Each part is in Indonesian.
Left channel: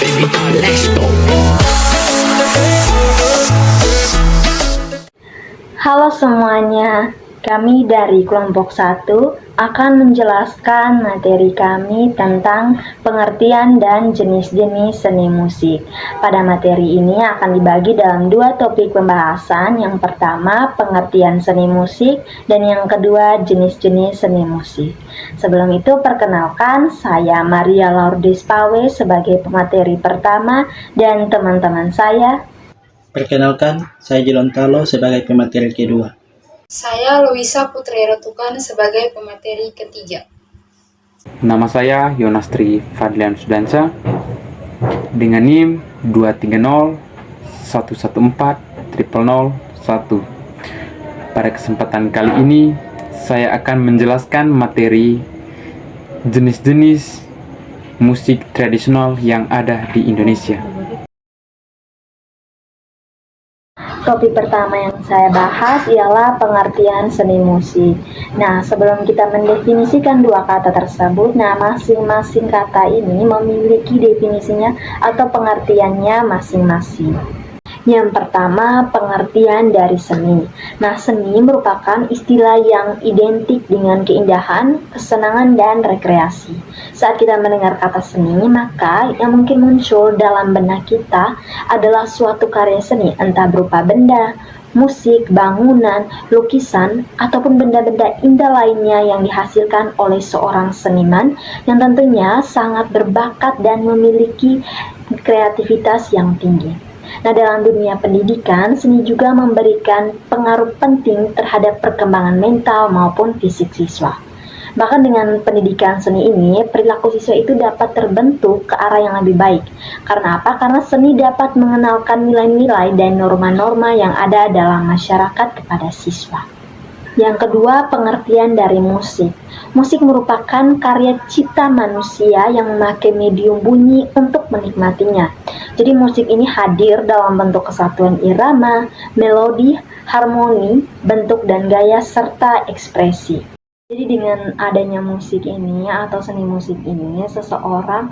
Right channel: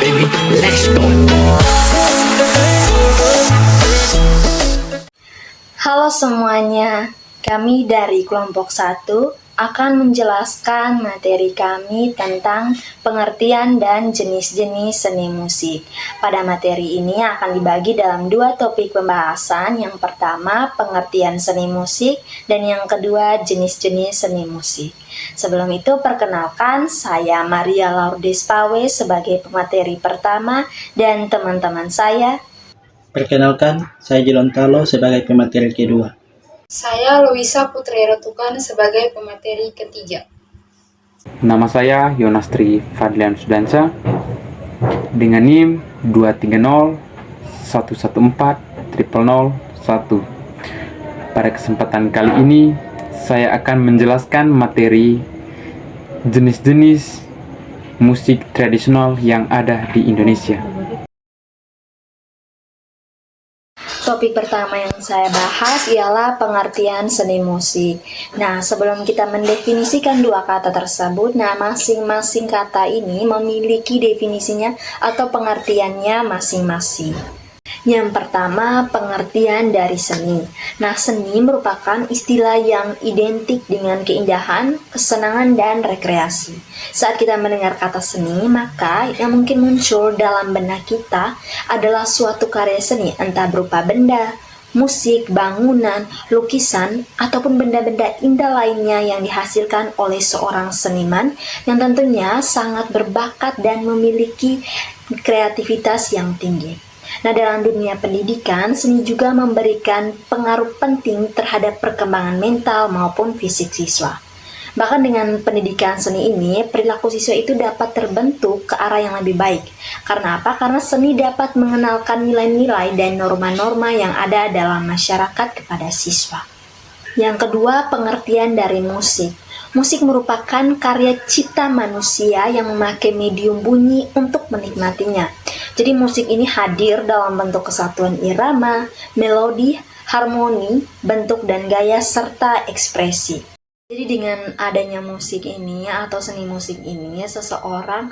baby, let's go. Halo semuanya, kami dari kelompok 1 akan menjelaskan materi kami tentang pengertian dan jenis-jenis seni musik. Pada materi ini akan dibagi dalam 2 topik pembahasan. Yang pertama, pengertian seni musik, dan yang kedua, jenis-jenis seni musik. Sebelum itu, perkenalkan, saya Maria Lourdes Pawe sebagai pemateri pertama, dan teman-teman saya. Perkenalkan, saya Jilontalo sebagai pemateri kedua. Saya Luisa Putri Rotukan sebagai pemateri ketiga. Nama saya Yonastri Fadlian Sudansa dengan NIM 230114001. Pada kesempatan kali ini, saya akan menjelaskan materi jenis-jenis musik tradisional yang ada di Indonesia. Topik pertama yang saya bahas ialah pengertian seni musik. Nah, sebelum kita mendefinisikan 2 kata tersebut, masing-masing kata ini memiliki definisinya atau pengertiannya masing-masing. Yang pertama, pengertian dari seni. Nah, seni merupakan istilah yang identik dengan keindahan, kesenangan, dan rekreasi. Saat kita mendengar kata seni, maka yang mungkin muncul dalam benak kita adalah suatu karya seni, entah berupa benda, musik, bangunan, lukisan, ataupun benda-benda indah lainnya yang dihasilkan oleh seorang seniman yang tentunya sangat berbakat dan memiliki kreativitas yang tinggi. Nah, dalam dunia pendidikan, seni juga memberikan pengaruh penting terhadap perkembangan mental maupun fisik siswa. Bahkan dengan pendidikan seni ini, perilaku siswa itu dapat terbentuk ke arah yang lebih baik. Karena apa? Karena seni dapat mengenalkan nilai-nilai dan norma-norma yang ada dalam masyarakat kepada siswa. Yang kedua, pengertian dari musik. Musik merupakan karya cipta manusia yang memakai medium bunyi untuk menikmatinya. Jadi musik ini hadir dalam bentuk kesatuan irama, melodi, harmoni, bentuk dan gaya, serta ekspresi. Jadi dengan adanya musik ini atau seni musik ini, seseorang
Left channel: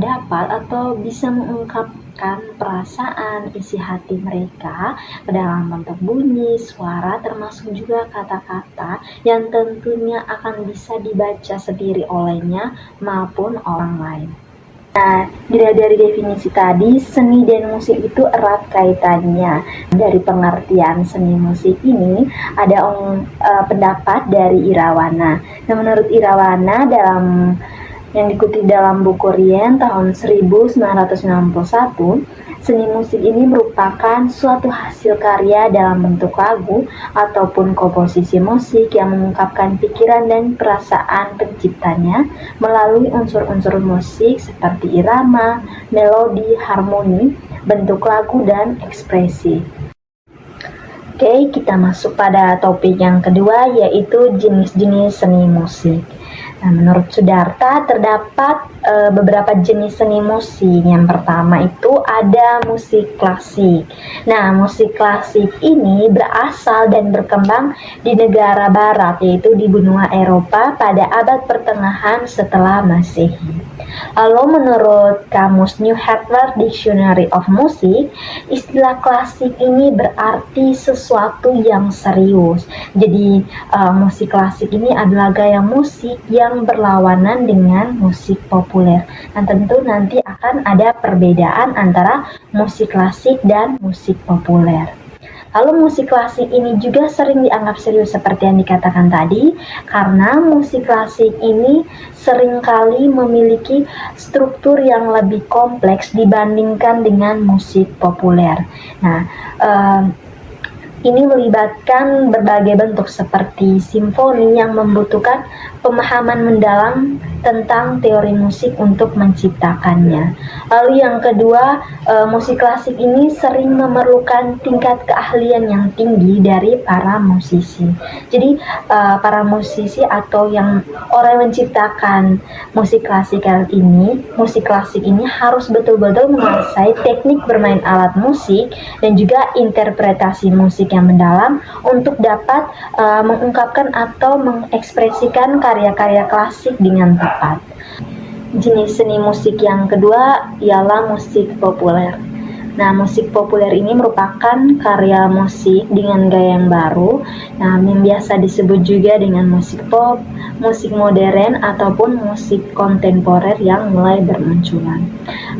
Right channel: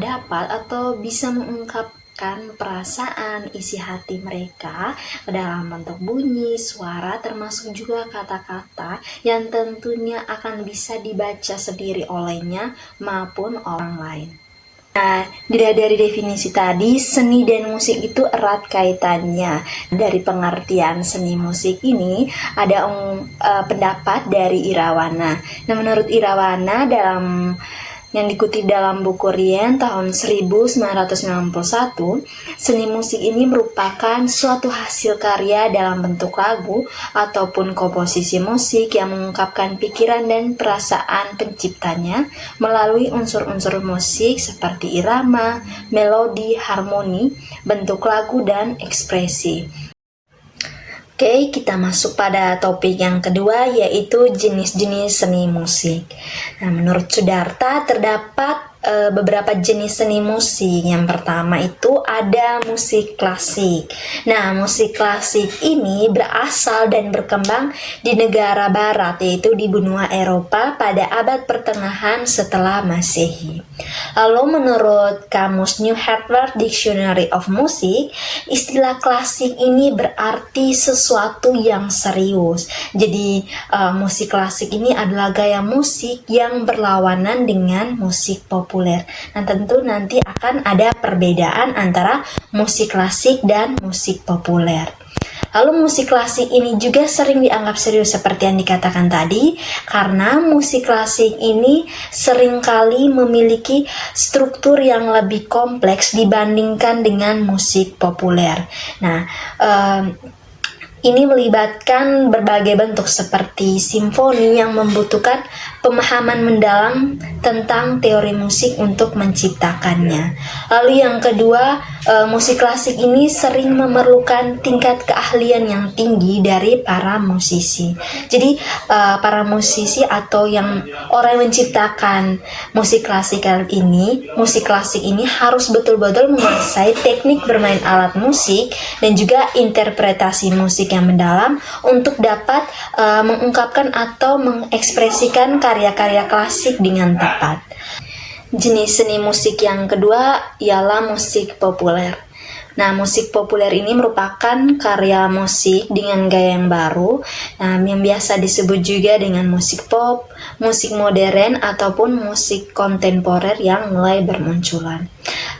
dapat atau bisa mengungkapkan perasaan isi hati mereka ke dalam bentuk bunyi, suara, termasuk juga kata-kata yang tentunya akan bisa dibaca sendiri olehnya maupun orang lain. Nah, dilihat dari definisi tadi, seni dan musik itu erat kaitannya. Dari pengertian seni musik ini, ada pendapat dari Irawana. Nah, menurut Irawana, yang dikutip dalam buku Rien tahun 1991, seni musik ini merupakan suatu hasil karya dalam bentuk lagu ataupun komposisi musik yang mengungkapkan pikiran dan perasaan penciptanya melalui unsur-unsur musik seperti irama, melodi, harmoni, bentuk lagu, dan ekspresi. Oke, kita masuk pada topik yang kedua, yaitu jenis-jenis seni musik. Nah, menurut Sudarta terdapat beberapa jenis seni musik. Yang pertama itu ada musik klasik. Nah, musik klasik ini berasal dan berkembang di negara barat, yaitu di benua Eropa pada abad pertengahan setelah Masehi. Lalu menurut kamus New Harvard Dictionary of Music, istilah klasik ini berarti sesuatu yang serius. Jadi musik klasik ini adalah gaya musik yang berlawanan dengan musik populer. Dan tentu nanti akan ada perbedaan antara musik klasik dan musik populer. Lalu musik klasik ini juga sering dianggap serius seperti yang dikatakan tadi, karena musik klasik ini seringkali memiliki struktur yang lebih kompleks dibandingkan dengan musik populer. Nah, ini melibatkan berbagai bentuk seperti simfoni yang membutuhkan pemahaman mendalam tentang teori musik untuk menciptakannya. Lalu yang kedua, musik klasik ini sering memerlukan tingkat keahlian yang tinggi dari para musisi. Jadi para musisi atau orang yang menciptakan musik klasik ini harus betul-betul menguasai teknik bermain alat musik dan juga interpretasi musik yang mendalam untuk dapat mengungkapkan atau mengekspresikan karya-karya klasik dengan tepat. Jenis seni musik yang kedua ialah musik populer. Nah, musik populer ini merupakan karya musik dengan gaya yang baru, yang biasa disebut juga dengan musik pop, musik modern, ataupun musik kontemporer yang mulai bermunculan.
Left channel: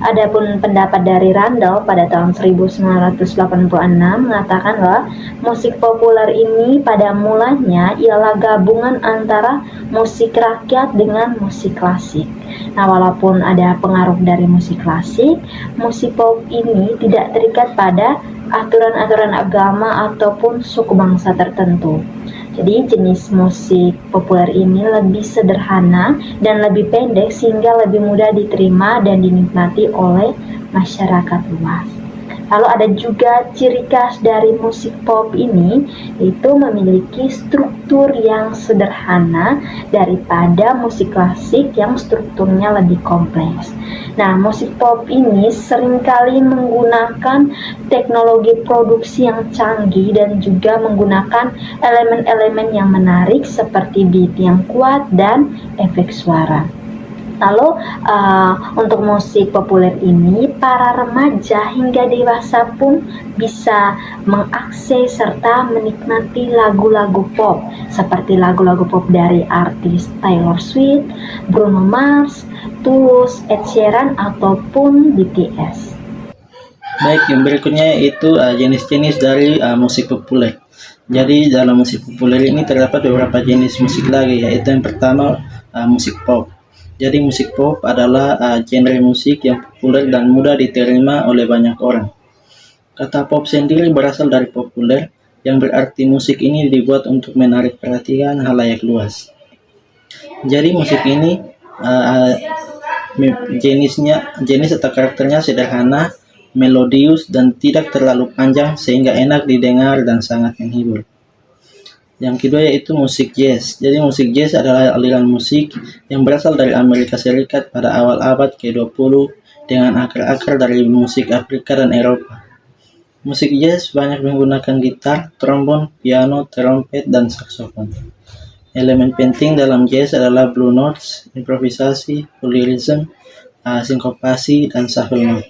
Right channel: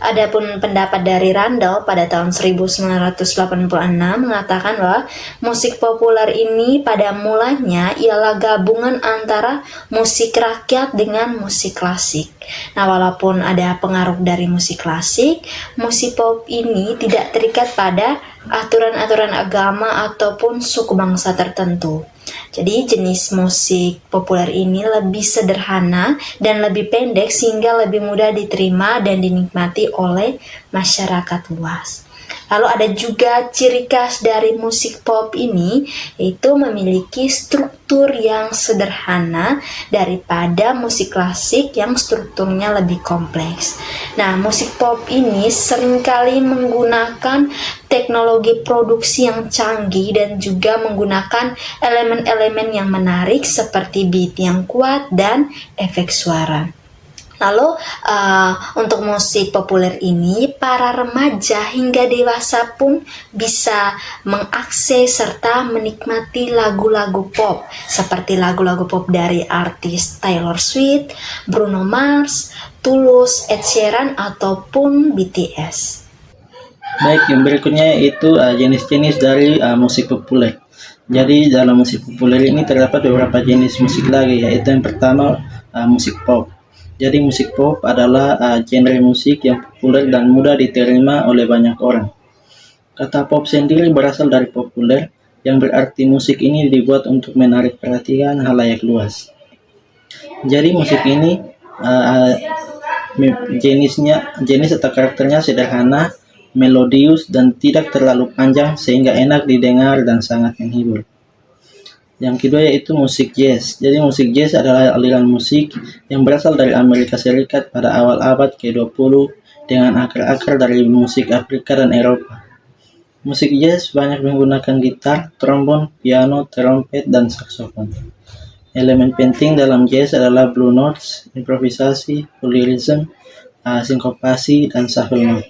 Adapun pendapat dari Randall pada tahun 1986 mengatakan bahwa musik populer ini pada mulanya ialah gabungan antara musik rakyat dengan musik klasik. Nah, walaupun ada pengaruh dari musik klasik, musik pop ini tidak terikat pada aturan-aturan agama ataupun suku bangsa tertentu. Jadi jenis musik populer ini lebih sederhana dan lebih pendek sehingga lebih mudah diterima dan dinikmati oleh masyarakat luas. Lalu ada juga ciri khas dari musik pop ini, yaitu memiliki struktur yang sederhana daripada musik klasik yang strukturnya lebih kompleks. Nah, musik pop ini seringkali menggunakan teknologi produksi yang canggih dan juga menggunakan elemen-elemen yang menarik seperti beat yang kuat dan efek suara. Lalu untuk musik populer ini, para remaja hingga dewasa pun bisa mengakses serta menikmati lagu-lagu pop seperti lagu-lagu pop dari artis Taylor Swift, Bruno Mars, Tulus, Ed Sheeran, ataupun BTS. Baik, yang berikutnya itu jenis-jenis dari musik populer. Jadi dalam musik populer ini terdapat beberapa jenis musik lagi, yaitu yang pertama musik pop. Jadi musik pop adalah genre musik yang populer dan mudah diterima oleh banyak orang. Kata pop sendiri berasal dari populer, yang berarti musik ini dibuat untuk menarik perhatian halayak luas. Jadi musik ini jenis atau karakternya sederhana, melodius, dan tidak terlalu panjang sehingga enak didengar dan sangat menghibur. Yang kedua yaitu musik jazz. Jadi musik jazz adalah aliran musik yang berasal dari Amerika Serikat pada awal abad ke-20 dengan akar-akar dari musik Afrika dan Eropa. Musik jazz banyak menggunakan gitar, trombon, piano, trompet, dan saksofon. Elemen penting dalam jazz adalah blue notes, improvisasi, polyrhythm, sinkopasi, dan shuffle note.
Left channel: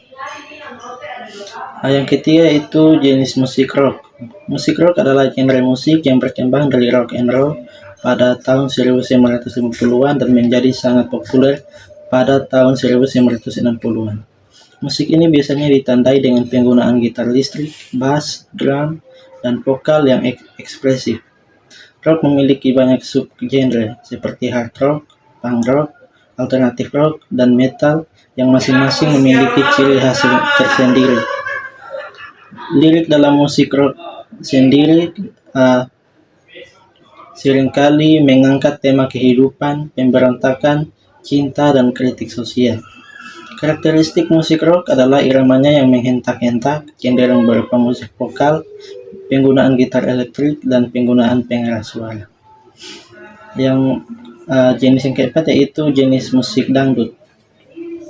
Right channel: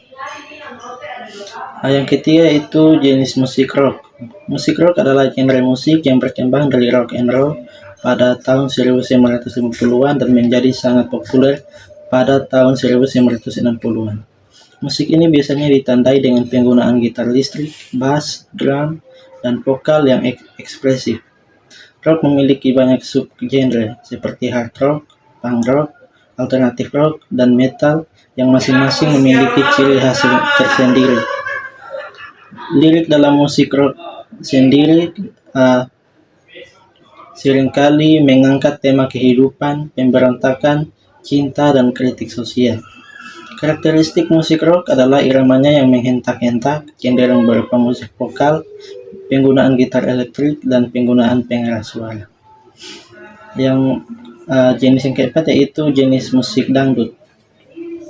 Yang ketiga itu jenis musik rock. Musik rock adalah genre musik yang berkembang dari rock and roll pada tahun 1950-an dan menjadi sangat populer pada tahun 1960-an. Musik ini biasanya ditandai dengan penggunaan gitar listrik, bass, drum, dan vokal yang ekspresif. Rock memiliki banyak subgenre seperti hard rock, punk rock, alternative rock, dan metal yang masing-masing memiliki ciri khas tersendiri. Lirik dalam musik rock sendiri seringkali mengangkat tema kehidupan, pemberontakan, cinta, dan kritik sosial. Karakteristik musik rock adalah iramanya yang menghentak-hentak, cenderung berupa musik vokal, penggunaan gitar elektrik, dan penggunaan pengeras suara. Yang jenis yang keempat yaitu jenis musik dangdut.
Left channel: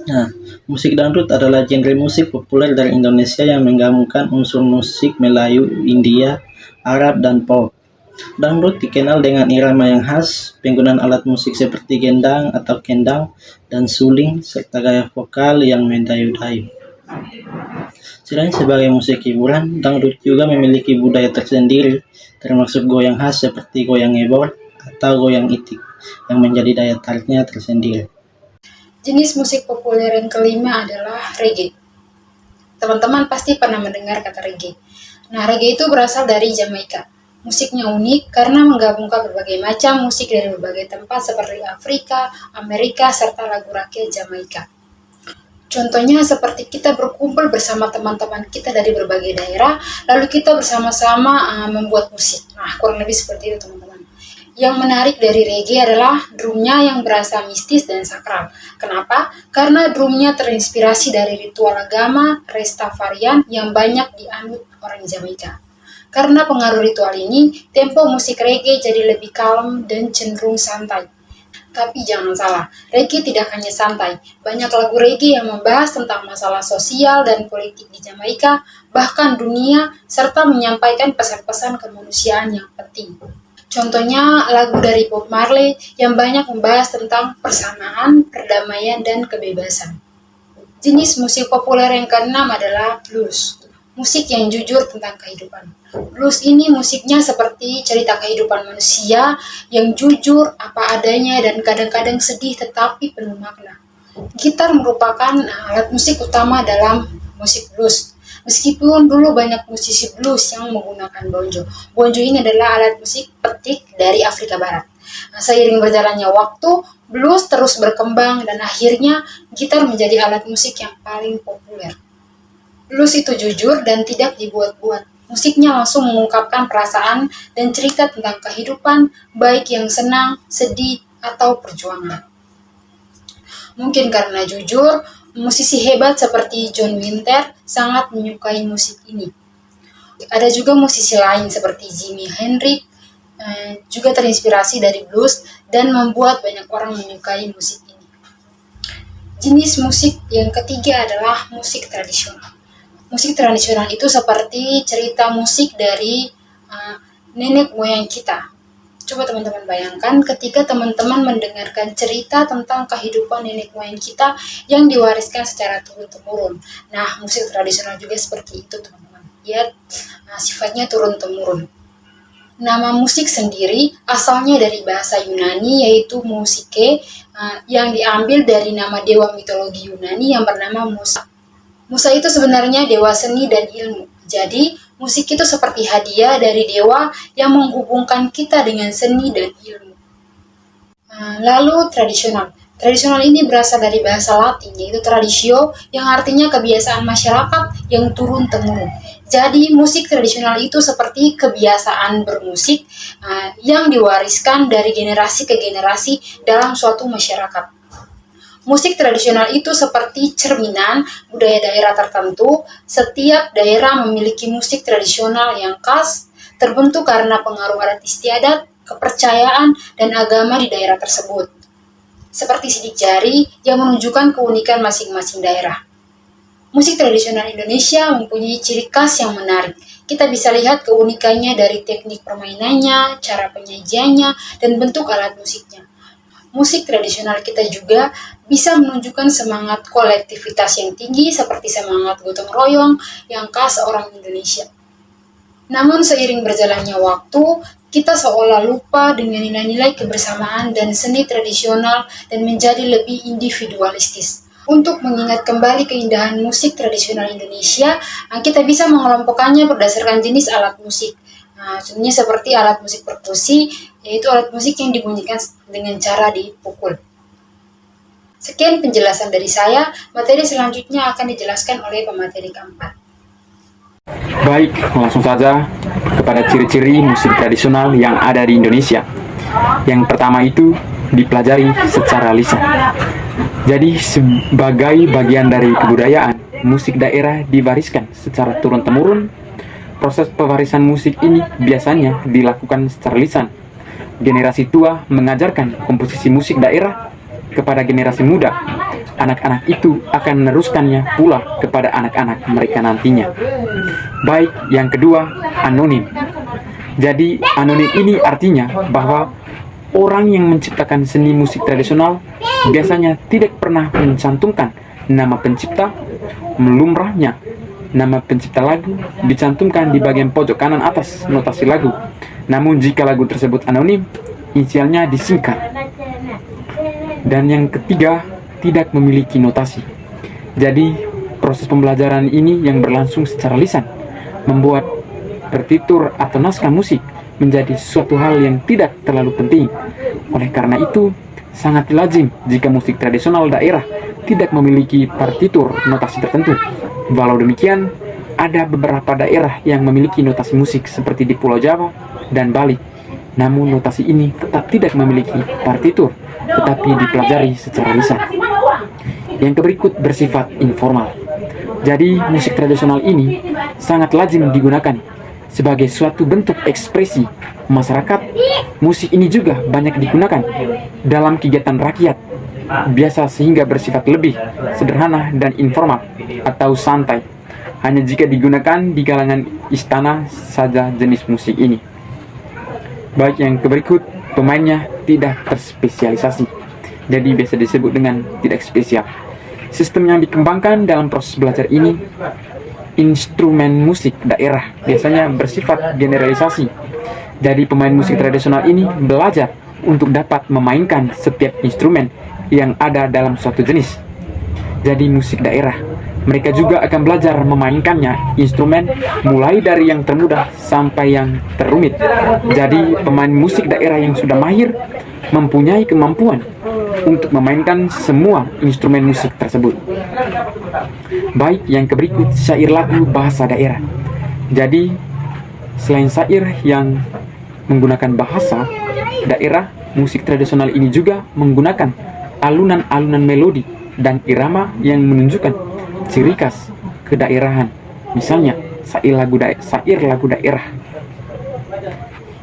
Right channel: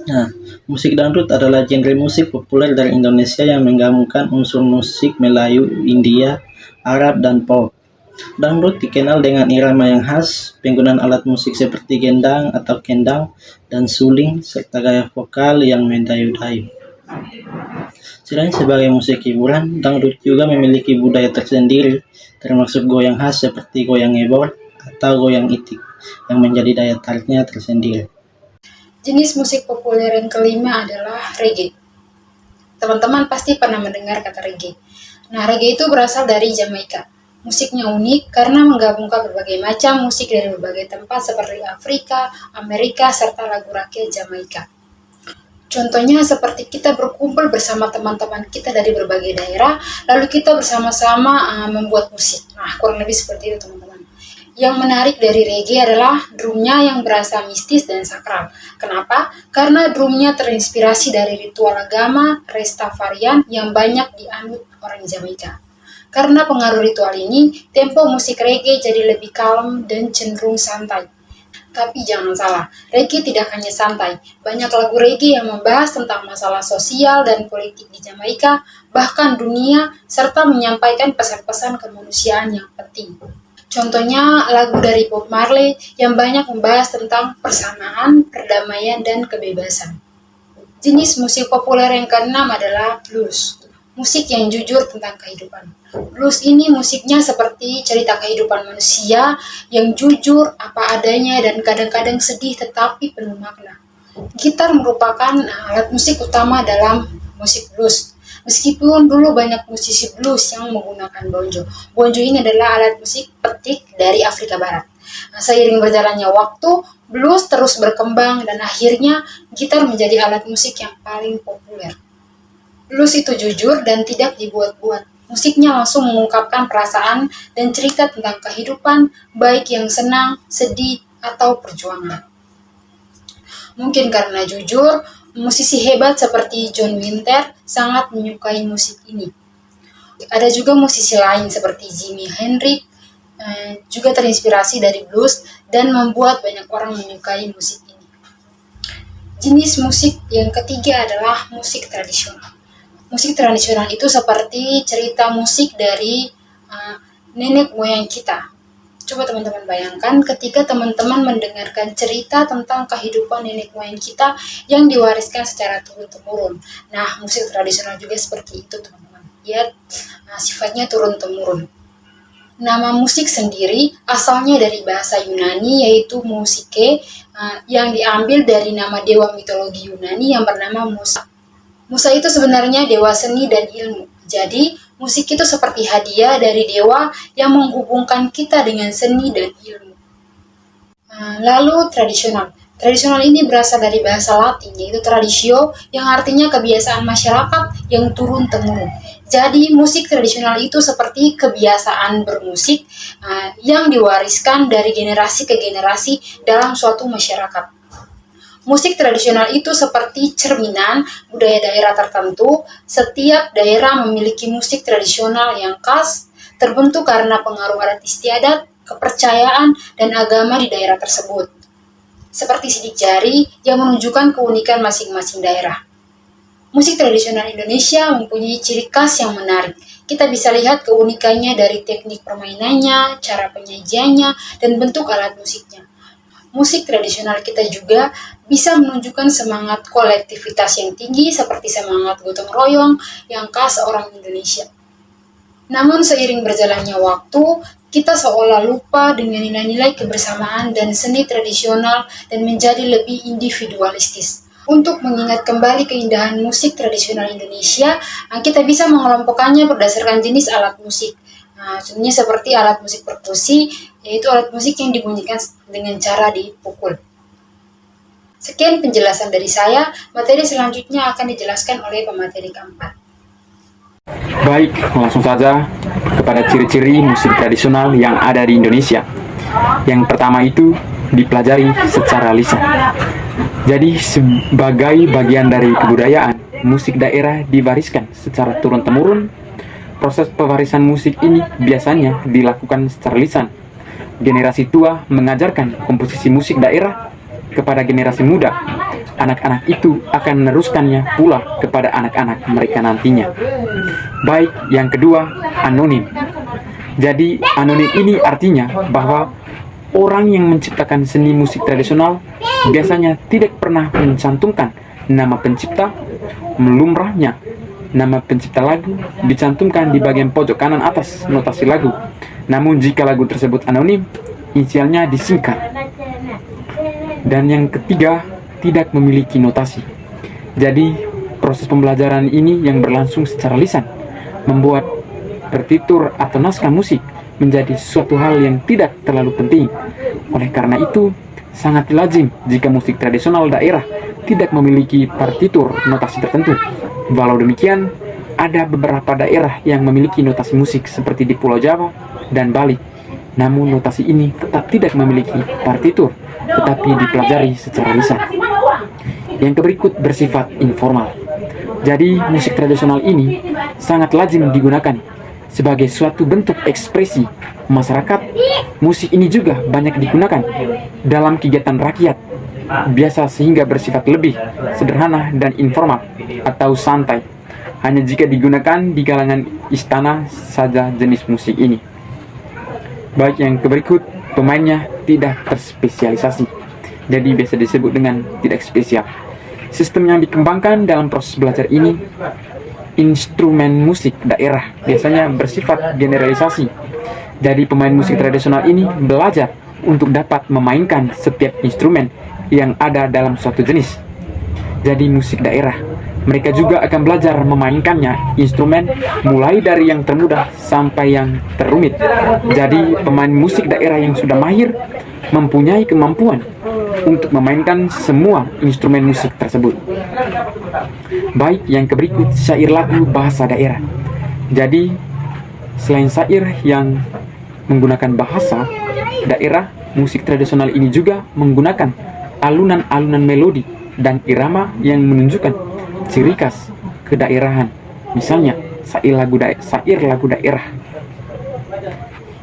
Nah, musik dangdut adalah genre musik populer dari Indonesia yang menggabungkan unsur musik Melayu, India, Arab, dan pop. Dangdut dikenal dengan irama yang khas, penggunaan alat musik seperti gendang atau kendang, dan suling, serta gaya vokal yang mendayu-dayu. Selain sebagai musik hiburan, dangdut juga memiliki budaya tersendiri, termasuk goyang khas seperti goyang ebor atau goyang itik, yang menjadi daya tariknya tersendiri. Jenis musik populer yang kelima adalah reggae. Teman-teman pasti pernah mendengar kata reggae. Nah, reggae itu berasal dari Jamaika. Musiknya unik karena menggabungkan berbagai macam musik dari berbagai tempat seperti Afrika, Amerika, serta lagu rakyat Jamaika. Contohnya seperti kita berkumpul bersama teman-teman kita dari berbagai daerah, lalu kita bersama-sama membuat musik. Nah, kurang lebih seperti itu teman-teman. Yang menarik dari reggae adalah drumnya yang berasa mistis dan sakral. Kenapa? Karena drumnya terinspirasi dari ritual agama Rastafarian yang banyak dianut orang Jamaika. Karena pengaruh ritual ini, tempo musik reggae jadi lebih kalem dan cenderung santai. Tapi jangan salah, reggae tidak hanya santai. Banyak lagu reggae yang membahas tentang masalah sosial dan politik di Jamaika, bahkan dunia, serta menyampaikan pesan-pesan kemanusiaan yang penting. Contohnya lagu dari Bob Marley yang banyak membahas tentang persamaan, perdamaian, dan kebebasan. Jenis musik populer yang keenam adalah blues. Musik yang jujur tentang kehidupan. Blues ini musiknya seperti cerita kehidupan manusia yang jujur apa adanya dan kadang-kadang sedih tetapi penuh makna. Gitar merupakan alat musik utama dalam musik blues. Meskipun dulu banyak musisi blues yang menggunakan bonjo. Bonjo ini adalah alat musik petik dari Afrika Barat. Seiring berjalannya waktu, blues terus berkembang dan akhirnya gitar menjadi alat musik yang paling populer. Blues itu jujur dan tidak dibuat-buat. Musiknya langsung mengungkapkan perasaan dan cerita tentang kehidupan, baik yang senang, sedih, atau perjuangan. Mungkin karena jujur, musisi hebat seperti John Winter sangat menyukai musik ini. Ada juga musisi lain seperti Jimi Hendrix, juga terinspirasi dari blues dan membuat banyak orang menyukai musik ini. Jenis musik yang ketiga adalah musik tradisional. Musik tradisional itu seperti cerita musik dari nenek moyang kita. Coba teman-teman bayangkan ketika teman-teman mendengarkan cerita tentang kehidupan nenek moyang kita yang diwariskan secara turun-temurun. Nah, musik tradisional juga seperti itu, teman-teman. Dia sifatnya turun-temurun. Nama musik sendiri asalnya dari bahasa Yunani yaitu musike, yang diambil dari nama dewa mitologi Yunani yang bernama Musa. Musa itu sebenarnya dewa seni dan ilmu. Jadi, musik itu seperti hadiah dari dewa yang menghubungkan kita dengan seni dan ilmu. Lalu tradisional. Tradisional ini berasal dari bahasa Latin, yaitu traditio, yang artinya kebiasaan masyarakat yang turun-temurun. Jadi, musik tradisional itu seperti kebiasaan bermusik yang diwariskan dari generasi ke generasi dalam suatu masyarakat. Musik tradisional itu seperti cerminan budaya daerah tertentu. Setiap daerah memiliki musik tradisional yang khas, terbentuk karena pengaruh adat istiadat, kepercayaan, dan agama di daerah tersebut. Seperti sidik jari yang menunjukkan keunikan masing-masing daerah. Musik tradisional Indonesia mempunyai ciri khas yang menarik. Kita bisa lihat keunikannya dari teknik permainannya, cara penyajiannya, dan bentuk alat musiknya. Musik tradisional kita juga bisa menunjukkan semangat kolektivitas yang tinggi seperti semangat gotong royong yang khas orang Indonesia. Namun seiring berjalannya waktu, kita seolah lupa dengan nilai-nilai kebersamaan dan seni tradisional dan menjadi lebih individualistis. Untuk mengingat kembali keindahan musik tradisional Indonesia, kita bisa mengelompokkannya berdasarkan jenis alat musik. Contohnya seperti alat musik perkusi, yaitu alat musik yang dibunyikan dengan cara dipukul. Sekian penjelasan dari saya, materi selanjutnya akan dijelaskan oleh pemateri keempat. Baik, langsung saja kepada ciri-ciri musik tradisional yang ada di Indonesia. Yang pertama itu dipelajari secara lisan. Jadi sebagai bagian dari kebudayaan, musik daerah diwariskan secara turun-temurun. Proses pewarisan musik ini biasanya dilakukan secara lisan. Generasi tua mengajarkan komposisi musik daerah kepada generasi muda. Anak-anak itu akan meneruskannya pula kepada anak-anak mereka nantinya. Baik, yang kedua, anonim. Jadi, anonim ini artinya bahwa orang yang menciptakan seni musik tradisional biasanya tidak pernah mencantumkan nama pencipta. Melumrahnya, nama pencipta lagu dicantumkan di bagian pojok kanan atas notasi lagu. Namun jika lagu tersebut anonim, inisialnya disingkat. Dan yang ketiga, tidak memiliki notasi. Jadi, proses pembelajaran ini yang berlangsung secara lisan membuat partitur atau naskah musik menjadi suatu hal yang tidak terlalu penting. Oleh karena itu, sangat lazim jika musik tradisional daerah tidak memiliki partitur notasi tertentu. Walau demikian, ada beberapa daerah yang memiliki notasi musik seperti di Pulau Jawa dan Bali. Namun notasi ini tetap tidak memiliki partitur, tetapi dipelajari secara lisan. Yang berikut bersifat informal. Jadi, musik tradisional ini sangat lazim digunakan sebagai suatu bentuk ekspresi masyarakat. Musik ini juga banyak digunakan dalam kegiatan rakyat biasa sehingga bersifat lebih sederhana dan informal atau santai. Hanya jika digunakan di kalangan istana saja jenis musik ini. Baik yang berikut, pemainnya tidak terspesialisasi, jadi biasa disebut dengan tidak spesial. Sistem yang dikembangkan dalam proses belajar ini, instrumen musik daerah biasanya bersifat generalisasi. Jadi pemain musik tradisional ini belajar untuk dapat memainkan setiap instrumen yang ada dalam suatu jenis. Jadi musik daerah, mereka juga akan belajar memainkannya instrumen mulai dari yang termudah sampai yang terumit. Jadi pemain musik daerah yang sudah mahir mempunyai kemampuan untuk memainkan semua instrumen musik tersebut. Baik yang berikut, syair lagu bahasa daerah. Jadi selain syair yang menggunakan bahasa daerah, musik tradisional ini juga menggunakan alunan-alunan melodi dan irama yang menunjukkan ciri khas kedaerahan. Misalnya syair lagu daerah.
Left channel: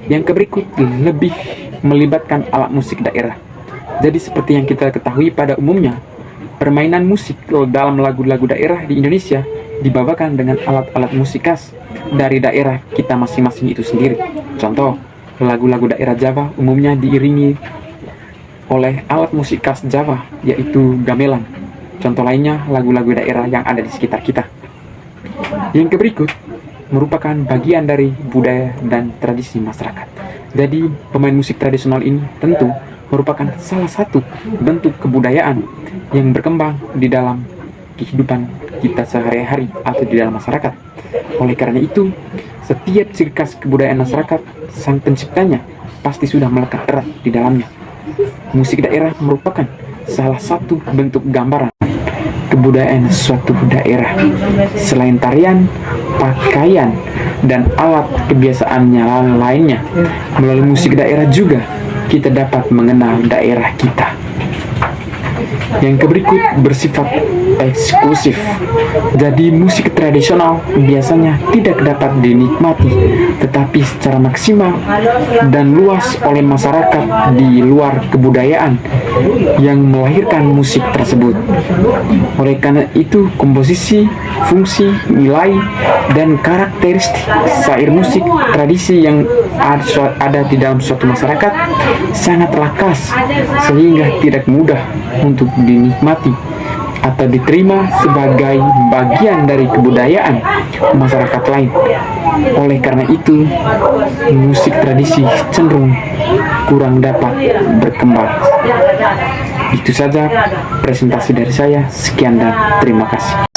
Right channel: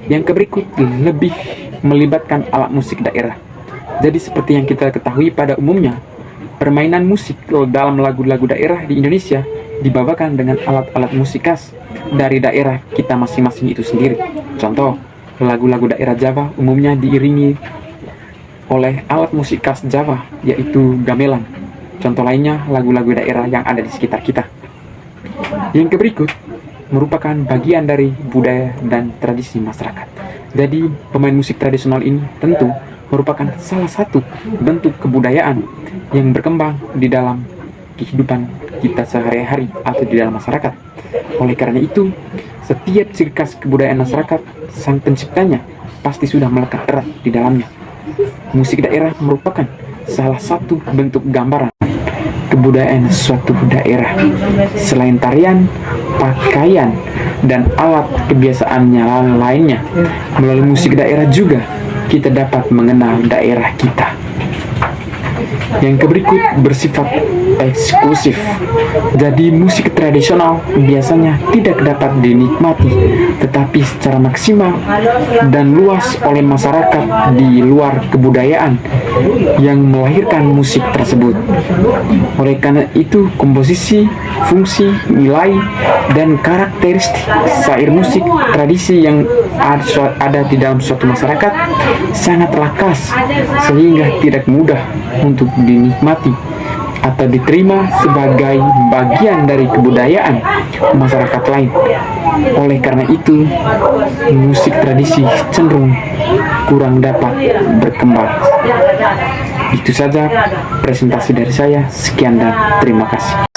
Yang berikut lebih melibatkan alat musik daerah. Jadi seperti yang kita ketahui pada umumnya, permainan musik dalam lagu-lagu daerah di Indonesia dibawakan dengan alat-alat musik khas dari daerah kita masing-masing itu sendiri. Contoh, lagu-lagu daerah Jawa umumnya diiringi oleh alat musik khas Jawa, yaitu gamelan. Contoh lainnya lagu-lagu daerah yang ada di sekitar kita. Yang berikut merupakan bagian dari budaya dan tradisi masyarakat. Jadi pemain musik tradisional ini tentu merupakan salah satu bentuk kebudayaan yang berkembang di dalam kehidupan kita sehari-hari atau di dalam masyarakat. Oleh karena itu, setiap ciri khas kebudayaan masyarakat, sang penciptanya pasti sudah melekat erat di dalamnya. Musik daerah merupakan salah satu bentuk gambaran kebudayaan suatu daerah. Selain tarian, pakaian, dan alat kebiasaannya lainnya, melalui musik daerah juga kita dapat mengenal daerah kita. Yang berikut bersifat eksklusif. Jadi musik tradisional biasanya tidak dapat dinikmati tetapi secara maksimal dan luas oleh masyarakat di luar kebudayaan yang melahirkan musik tersebut. Oleh karena itu, komposisi, fungsi, nilai, dan karakteristik syair musik tradisi yang ada di dalam suatu masyarakat sangatlah khas sehingga tidak mudah untuk dinikmati atau diterima sebagai bagian dari kebudayaan masyarakat lain. Oleh karena itu, musik tradisi cenderung kurang dapat berkembang. Itu saja presentasi dari saya. Sekian dan terima kasih.